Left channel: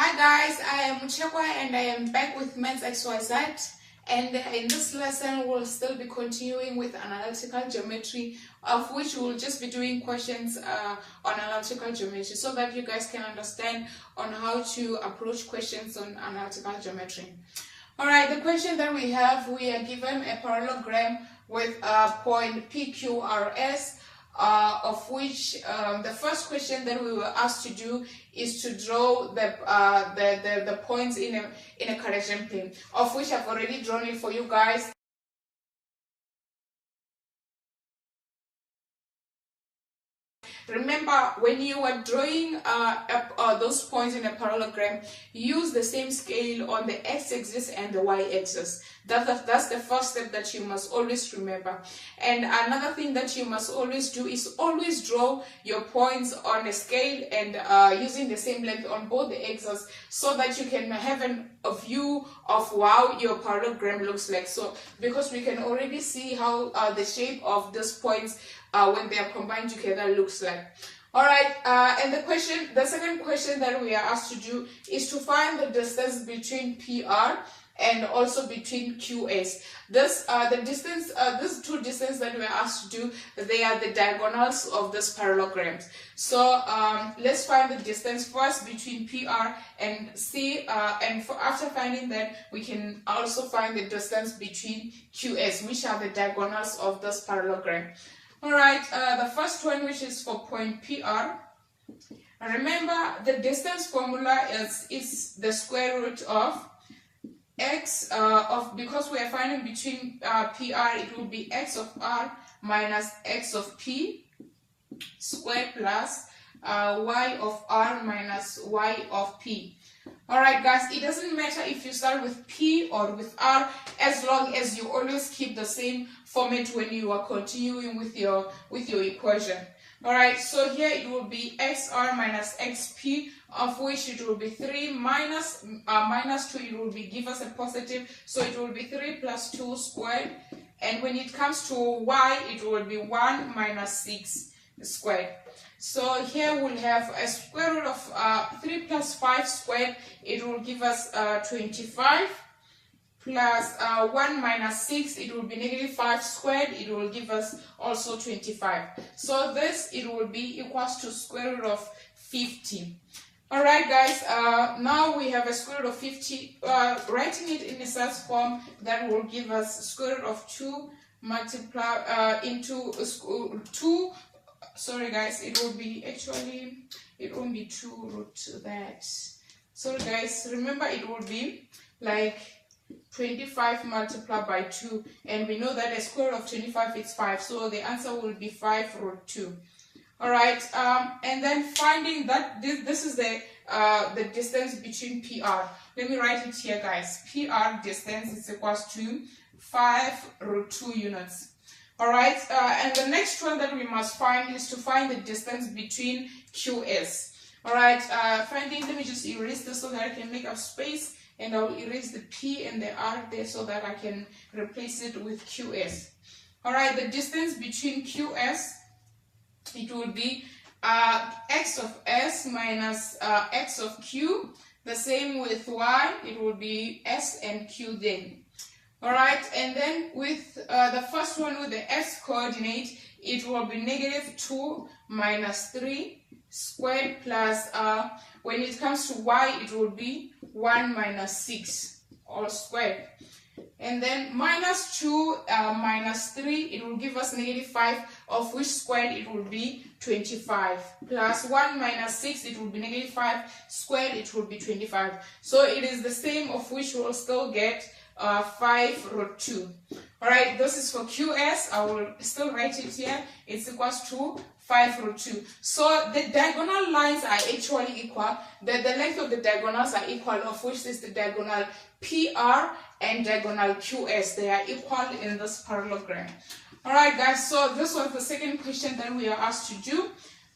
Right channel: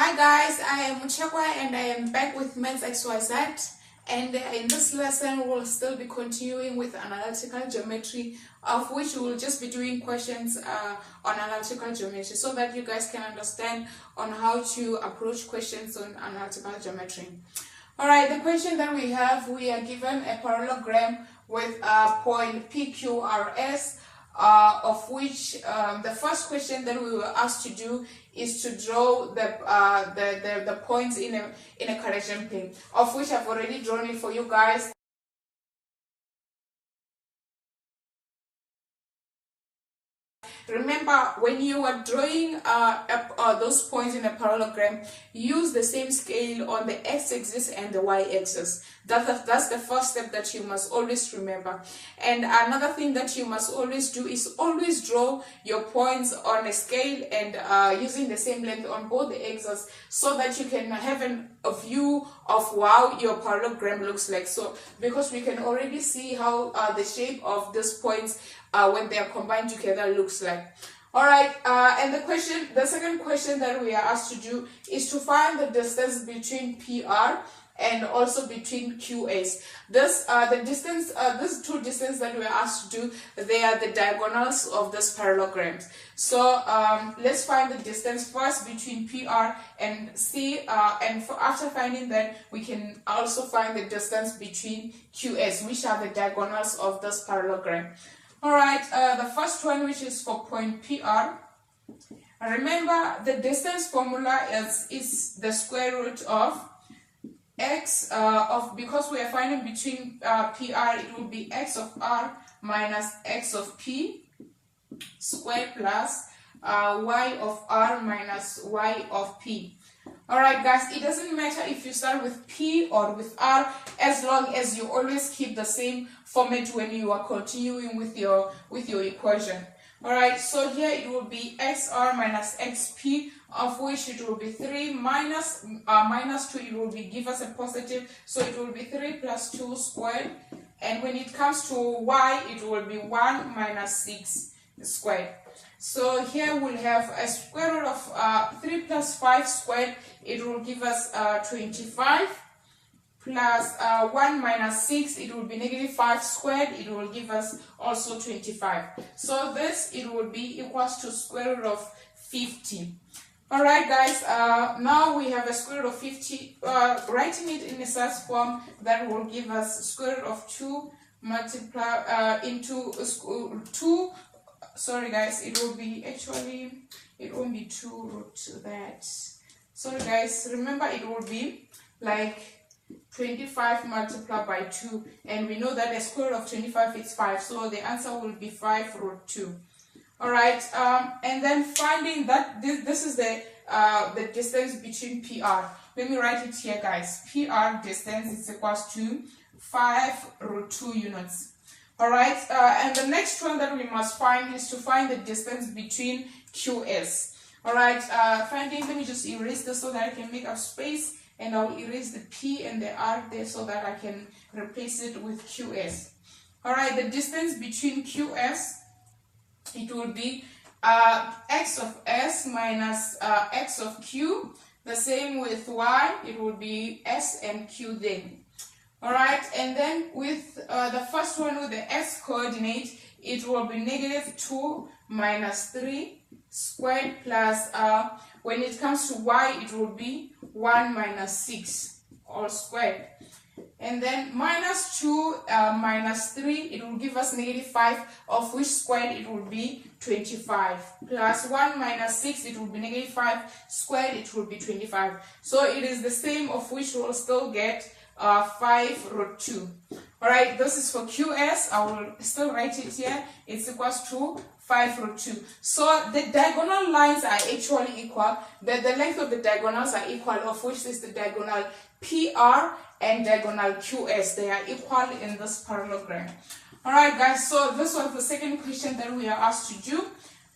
Hi guys, I am Muchekwa and I am back with Men's XYZ, and in this lesson we'll still be continuing with analytical geometry, of which we'll just be doing questions on analytical geometry so that you guys can understand on how to approach questions on analytical geometry. Alright, the question that we are given a parallelogram with a point PQRS, of which the first question that we were asked to do is to draw the points in a Cartesian plane, of which I've already drawn it for you guys. Remember, when you are drawing those points in a parallelogram, use the same scale on the x-axis and the y-axis. That's the first step that you must always remember. And another thing that you must always do is always draw your points on a scale and using the same length on both the axes, so that you can have a view of how your parallelogram looks like. So because we can already see how the shape of these points when they are combined together looks like. All right, and the second question that we are asked to do is to find the distance between PR and also between QS. These two distances that we are asked to do, they are the diagonals of these parallelograms. So let's find the distance first between PR and C, and after finding that, we can also find the distance between QS, which are the diagonals of this parallelogram. Alright, the first one, which is for point PR. Remember, the distance formula is the square root of x because we are finding between PR, it will be x of R minus x of P squared plus y of R minus y of P. Alright guys, it doesn't matter if you start with P or with R, as long as you always keep the same format when you are continuing with your equation. Alright, so here it will be xr minus xp, of which it will be 3 minus 2, it will be give us a positive, so it will be 3 plus 2 squared, and when it comes to y, it will be 1 minus 6 squared. So here we'll have a square root of 3 plus 5 squared, it will give us 25, plus 1 minus 6, it will be negative 5 squared, it will give us also 25. So this, it will be equals to square root of 50. Alright guys, now we have a square root of 50, writing it in a such form that will give us square root of 2 multiply into 2. Sorry guys, it will be actually, it won't be 2 root that. Sorry guys, remember it will be like 25 multiplied by 2, and we know that the square root of 25 is 5, so the answer will be 5 root 2. Alright, and then finding that this is the distance between PR. Let me write it here guys. PR distance is equals to 5 root 2 units. Alright, and the next one that we must find is to find the distance between QS. Alright, let me just erase this so that I can make a space, and I'll erase the P and the R there so that I can replace it with QS. Alright, the distance between QS, it will be x of S minus x of Q. The same with Y, it will be S and Q then. Alright, and then with the first one with the x coordinate, it will be negative 2 minus 3 squared plus, when it comes to y, it will be 1 minus 6 all squared. And then minus 2 minus 3, it will give us negative 5, of which squared it will be 25. Plus 1 minus 6, it will be negative 5 squared, it will be 25. So it is the same, of which we will still get 5 root 2. Alright, this is for QS. I will still write it here. It's equals to 5 root 2. So the diagonal lines are actually equal. The length of the diagonals are equal, of which is the diagonal PR and diagonal QS. They are equal in this parallelogram. Alright guys, so this was the second question that we are asked to do.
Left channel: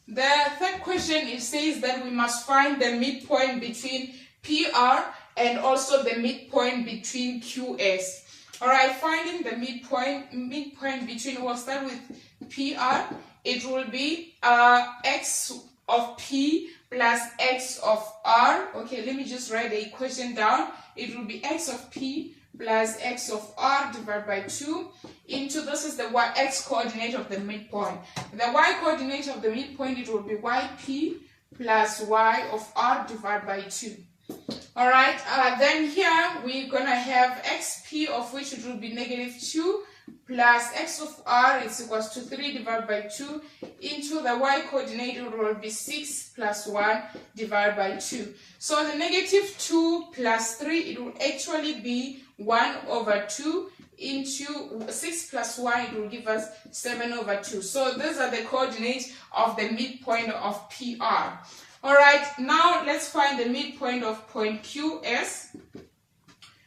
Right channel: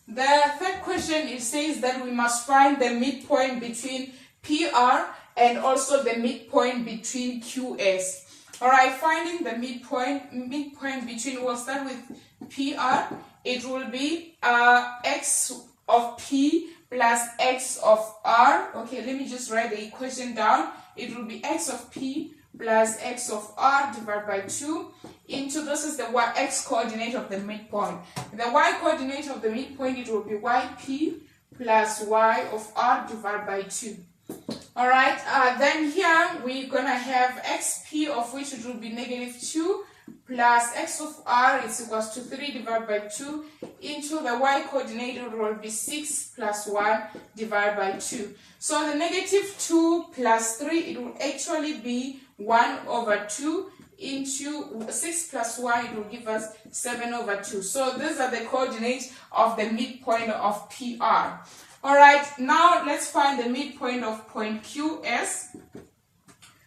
The third question, it says that we must find the midpoint between PR and also the midpoint between QS. Alright, finding the midpoint between, we'll start with PR. It will be x of P plus x of r. Okay, let me just write the equation down. It will be x of p plus x of r divided by 2 into, this is the x coordinate of the midpoint. The y coordinate of the midpoint, it will be yp plus y of r divided by 2. All right, then here we're gonna have xp, of which it will be negative 2, plus x of r is equals to 3 divided by 2 into the y coordinate, it will be 6 plus 1 divided by 2. So the negative 2 plus 3, it will actually be 1 over 2 into 6 plus 1, it will give us 7 over 2. So these are the coordinates of the midpoint of PR. All right, now let's find the midpoint of point QS,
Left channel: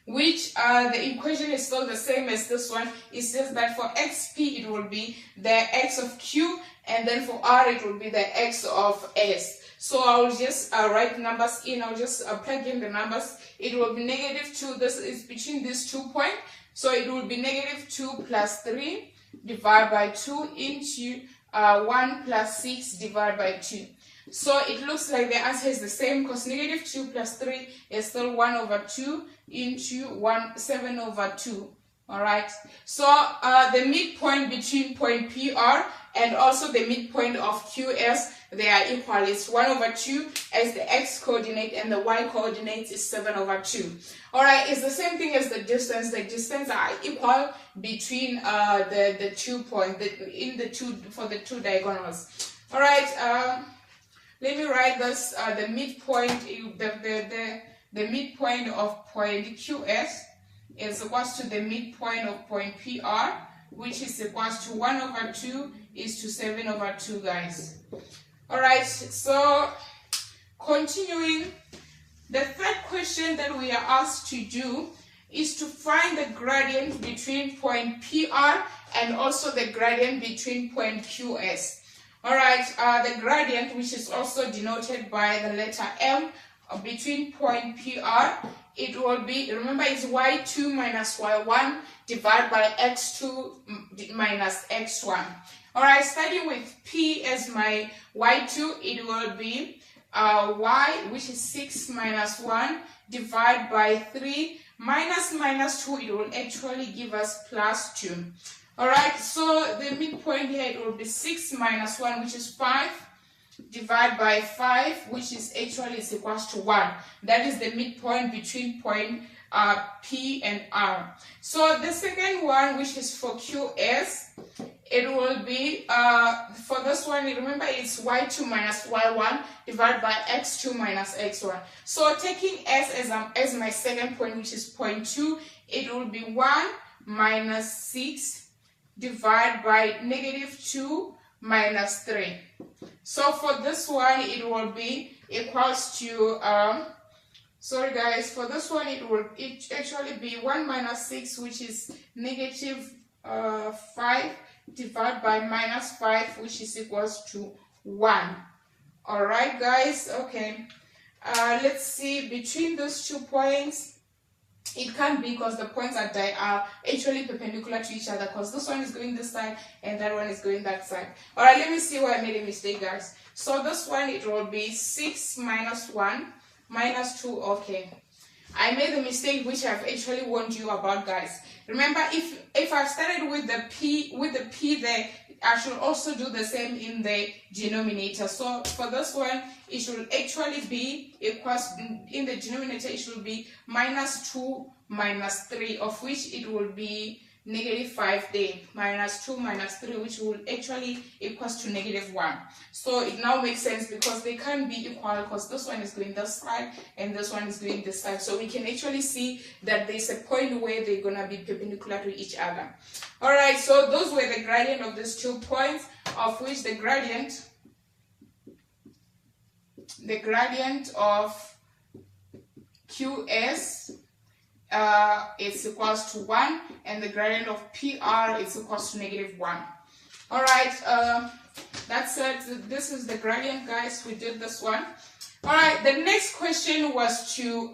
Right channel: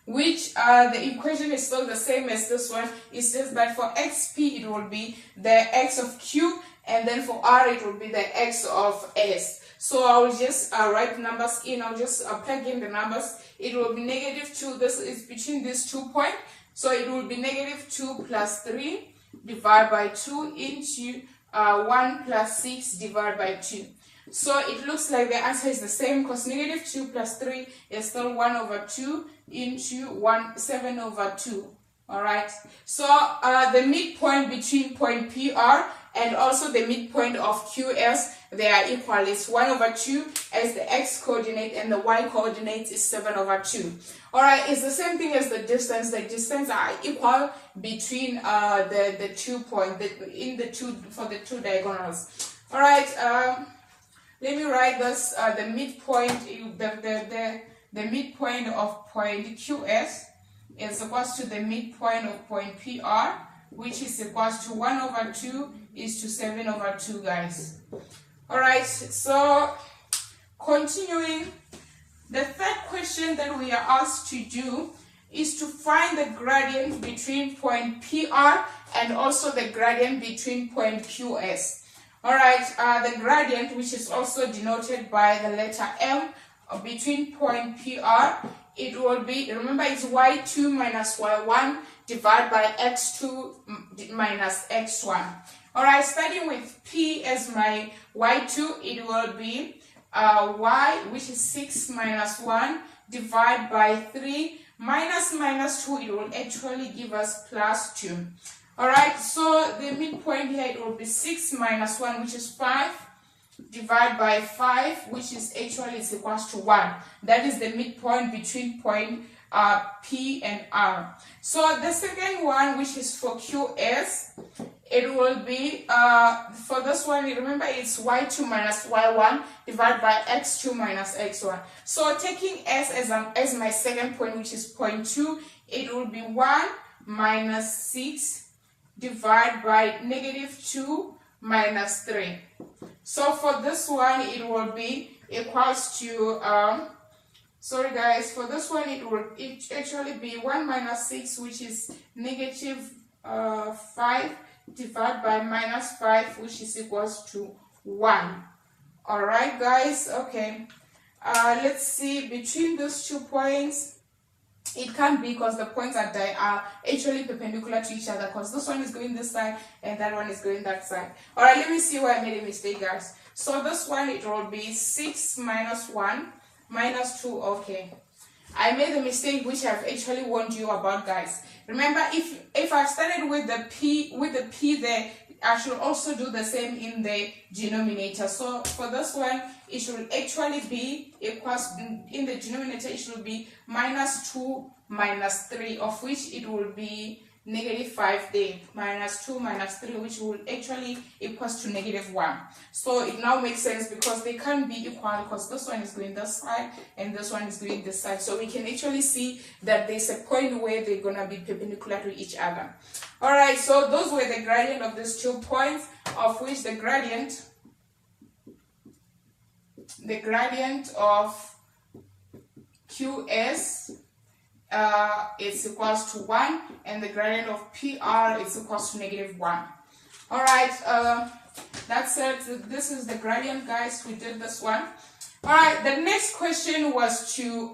which the equation is still the same as this one. It says that for xp, it will be the x of q, and then for r, it will be the x of s. So I'll just write numbers in. I'll just plug in the numbers. It will be negative 2. This is between these 2 points. So it will be negative 2 plus 3 divided by 2 into 1 plus 6 divided by 2. So it looks like the answer is the same, because negative 2 plus 3 is still 1 over 2 into 7 over 2. All right. So the midpoint between point PR and also the midpoint of QS, they are equal. It's 1 over 2 as the x coordinate, and the y coordinate is 7 over 2. All right, it's the same thing as the distance. The distance are equal between the 2 points for the two diagonals. All right. Let me write this. The midpoint, the midpoint of point QS is equals to the midpoint of point PR, which is equals to 1 over 2 is to 7 over 2, guys. All right, so continuing, the third question that we are asked to do is to find the gradient between point PR and also the gradient between point QS. All right, the gradient, which is also denoted by the letter M, between point PR, it will be, remember, it's y2 minus y1 divided by x2 minus x1. All right, starting with P as my y2, it will be y, which is 6 minus 1 divided by 3 minus 2, it will actually give us plus 2. All right, so the midpoint here, it will be 6 minus 1, which is 5, divided by 5, which is actually is equals to 1. That is the midpoint between point P and R. So the second one, which is for QS, it will be, for this one, remember, it's y2 minus y1 divided by x2 minus x1. So taking S as my second point, which is point 2, it will be 1 minus 6 divided by negative 2 minus 3. So for this one, it will be equals to, sorry guys, for this one, it will actually be 1 minus 6, which is negative 5 divided by minus 5, which is equals to 1. All right, guys, okay. Let's see, between those 2 points, it can't be, because the points are actually perpendicular to each other, because this one is going this side and that one is going that side. All right, let me see where I made a mistake, guys. So this one, it will be 6 minus 1 minus 2. Okay, I made a mistake which I've actually warned you about, guys. Remember, if I started with the P there, I should also do the same in the denominator. So for this one, it should actually be equals, in the denominator, it should be minus 2 minus 3, of which it will be negative 5 there. Minus 2 minus 3, which will actually equals to negative 1. So it now makes sense, because they can't be equal, because this one is going this side and this one is going this side. So we can actually see that there's a point where they're going to be perpendicular to each other. All right, so those were the gradient of these 2 points, of which the gradient of QS is equals to 1, and the gradient of PR is equals to negative 1. All right, that's it. This is the gradient, guys. We did this one. All right, the next question was to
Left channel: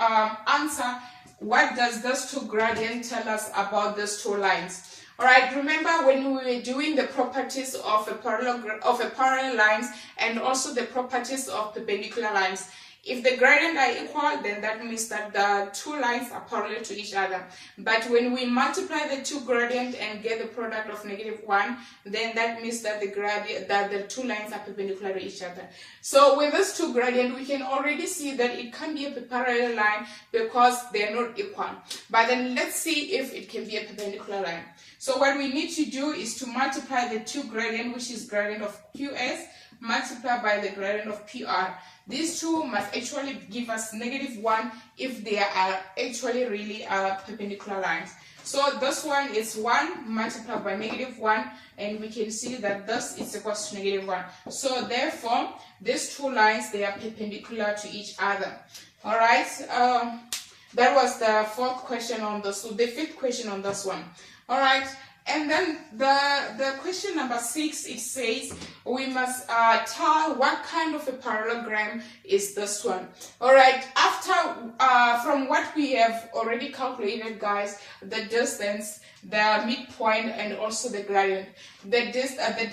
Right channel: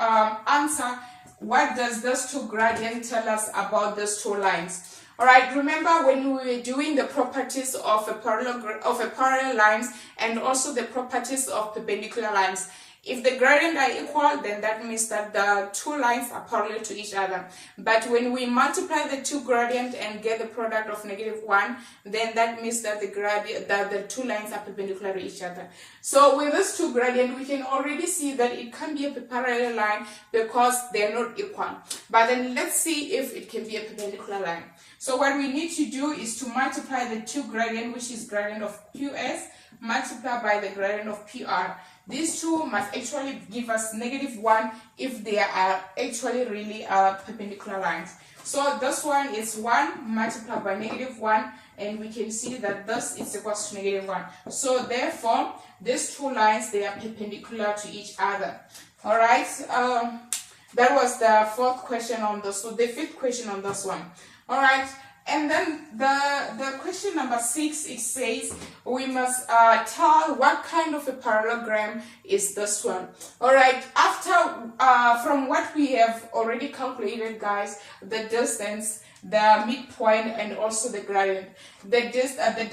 answer, what does this 2 gradient tell us about these 2 lines? All right, remember when we were doing the properties of a parallel lines and also the properties of perpendicular lines. If the gradient are equal, then that means that the two lines are parallel to each other. But when we multiply the two gradient and get the product of -1, then that means that the two lines are perpendicular to each other. So with this two gradient, we can already see that it can be a parallel line because they're not equal. But then let's see if it can be a perpendicular line. So what we need to do is to multiply the two gradient, which is gradient of QS, multiply by the gradient of PR. These two must actually give us -1 if they are actually really perpendicular lines. So this one is 1 multiplied by -1, and we can see that this is equals to -1. So therefore, these two lines, they are perpendicular to each other. All right. That was the fourth question on this. So the fifth question on this one. All right. And then the question number 6, it says we must tell what kind of a parallelogram is this one. All right, after from what we have already calculated, guys, the distance, the midpoint, and also the gradient, the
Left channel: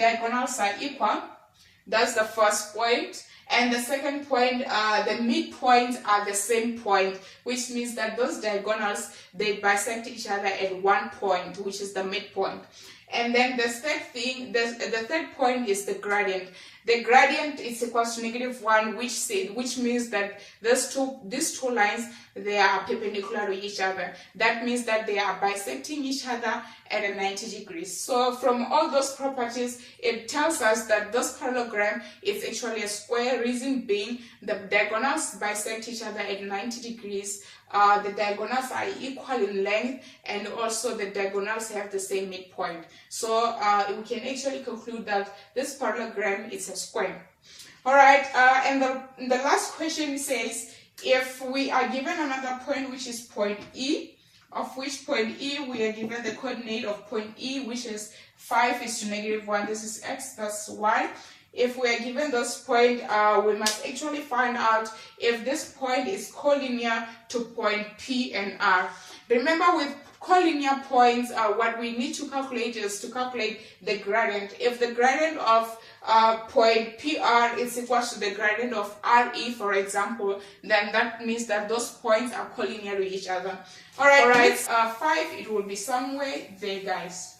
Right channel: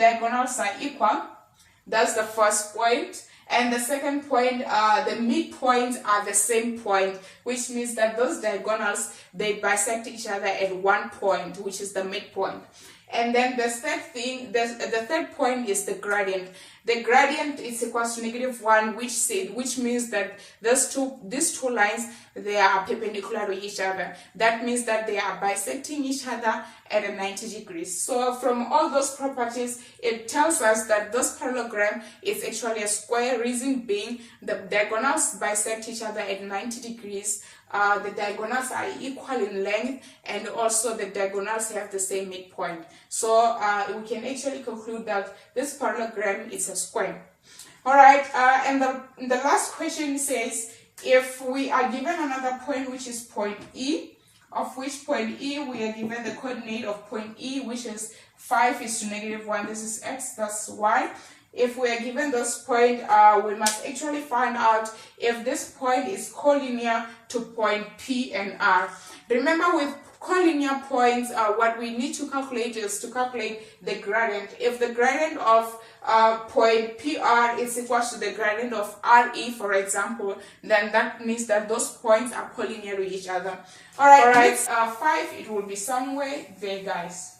diagonals are equal. That's the first point. And the second point, the midpoints are the same point, which means that those diagonals, they bisect each other at one point, which is the midpoint. And then the third thing, the third point is the gradient. The gradient is equals to -1, which means that these two lines, they are perpendicular to each other. That means that they are bisecting each other at a 90 degrees. So from all those properties, it tells us that this parallelogram is actually a square, reason being the diagonals bisect each other at 90 degrees. The diagonals are equal in length, and also the diagonals have the same midpoint. So we can actually conclude that this parallelogram is a square. All right, and the last question says, if we are given another point, which is point E, of which point E we are given the coordinate of point E, which is 5 is to -1, this is x, that's y. If we are given this point, we must actually find out if this point is collinear to point P and R. Remember, with collinear points, what we need to calculate is to calculate the gradient. If the gradient of point PR is equal to the gradient of RE, for example, then that means that those points are collinear to each other. All right. 5, it will be somewhere there, guys.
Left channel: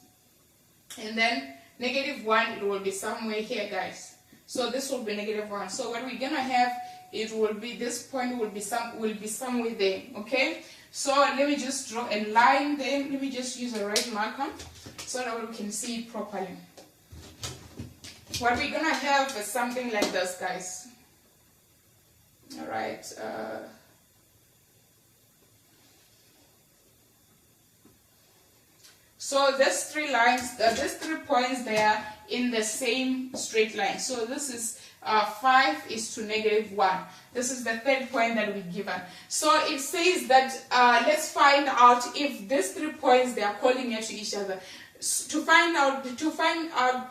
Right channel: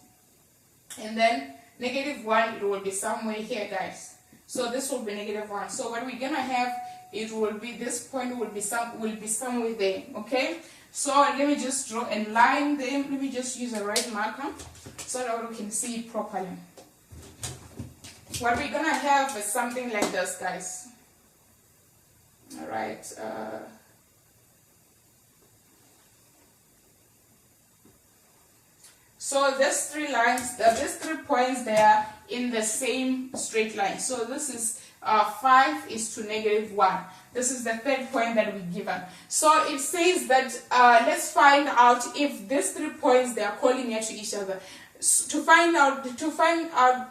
And then -1, it will be somewhere here, guys. So this will be -1. So what we're gonna have, it will be, this point will be somewhere there. Okay. So let me just draw a line there. Let me just use a red marker so that we can see it properly. What we're gonna have is something like this, guys. All right. So these 3 lines, these 3 points, they are in the same straight line. So this is 5 is to -1. This is the third point that we're given. So it says that let's find out if these 3 points, they are collinear to each other. To find out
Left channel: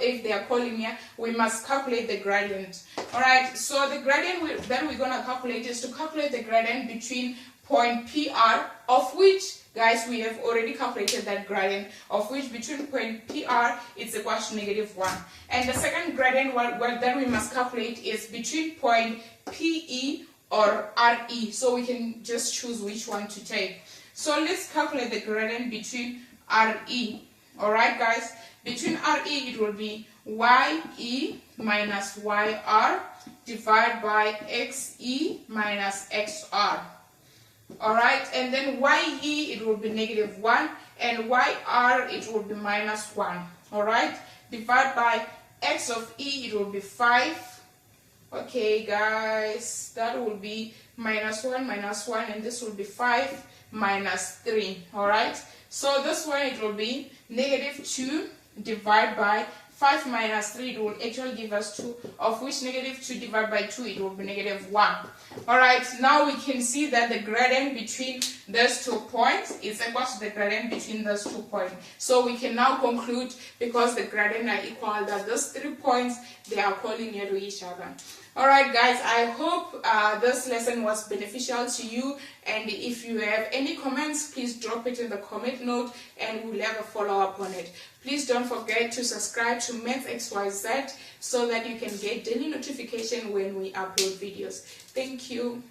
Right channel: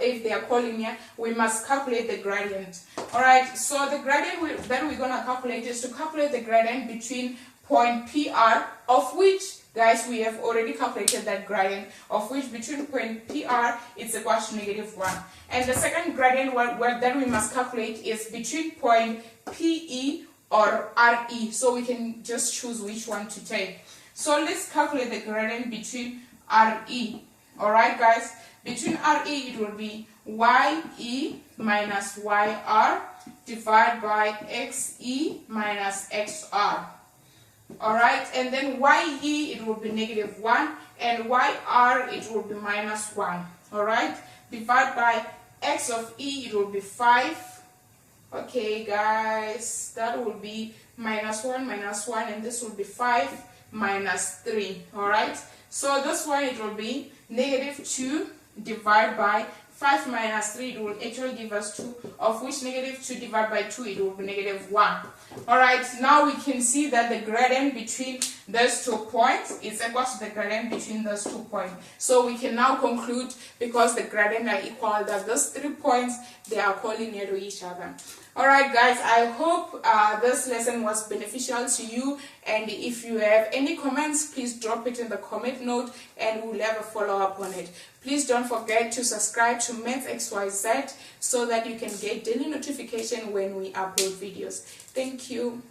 if they are collinear, we must calculate the gradient. All right. So the gradient that we're gonna calculate is to calculate the gradient between point PR, of which, guys, we have already calculated that gradient, of which between point PR it's equal to -1. And the second gradient that we must calculate is between point PE or RE. So we can just choose which one to take. So let's calculate the gradient between RE. All right, guys. Between RE, it will be YE minus YR divided by XE minus XR. All right, and then YE, it will be -1, and YR, it will be -1. All right, divided by X of E, it will be 5. Okay, guys, that will be -1, and this will be 5 minus 3. All right, so this one, it will be -2 divided by 5 minus 3, it will actually give us 2, of which -2 divided by 2, it will be -1. All right, now we can see that the gradient between those 2 points is equal to the gradient between those 2 points. So we can now conclude, because the gradient are equal, that those 3 points, they are collinear to each other. Alright guys, I hope this lesson was beneficial to you, and if you have any comments, please drop it in the comment note and we'll have a follow-up on it. Please don't forget to subscribe to Maths XYZ so that you can get daily notification when we upload videos. Thank you.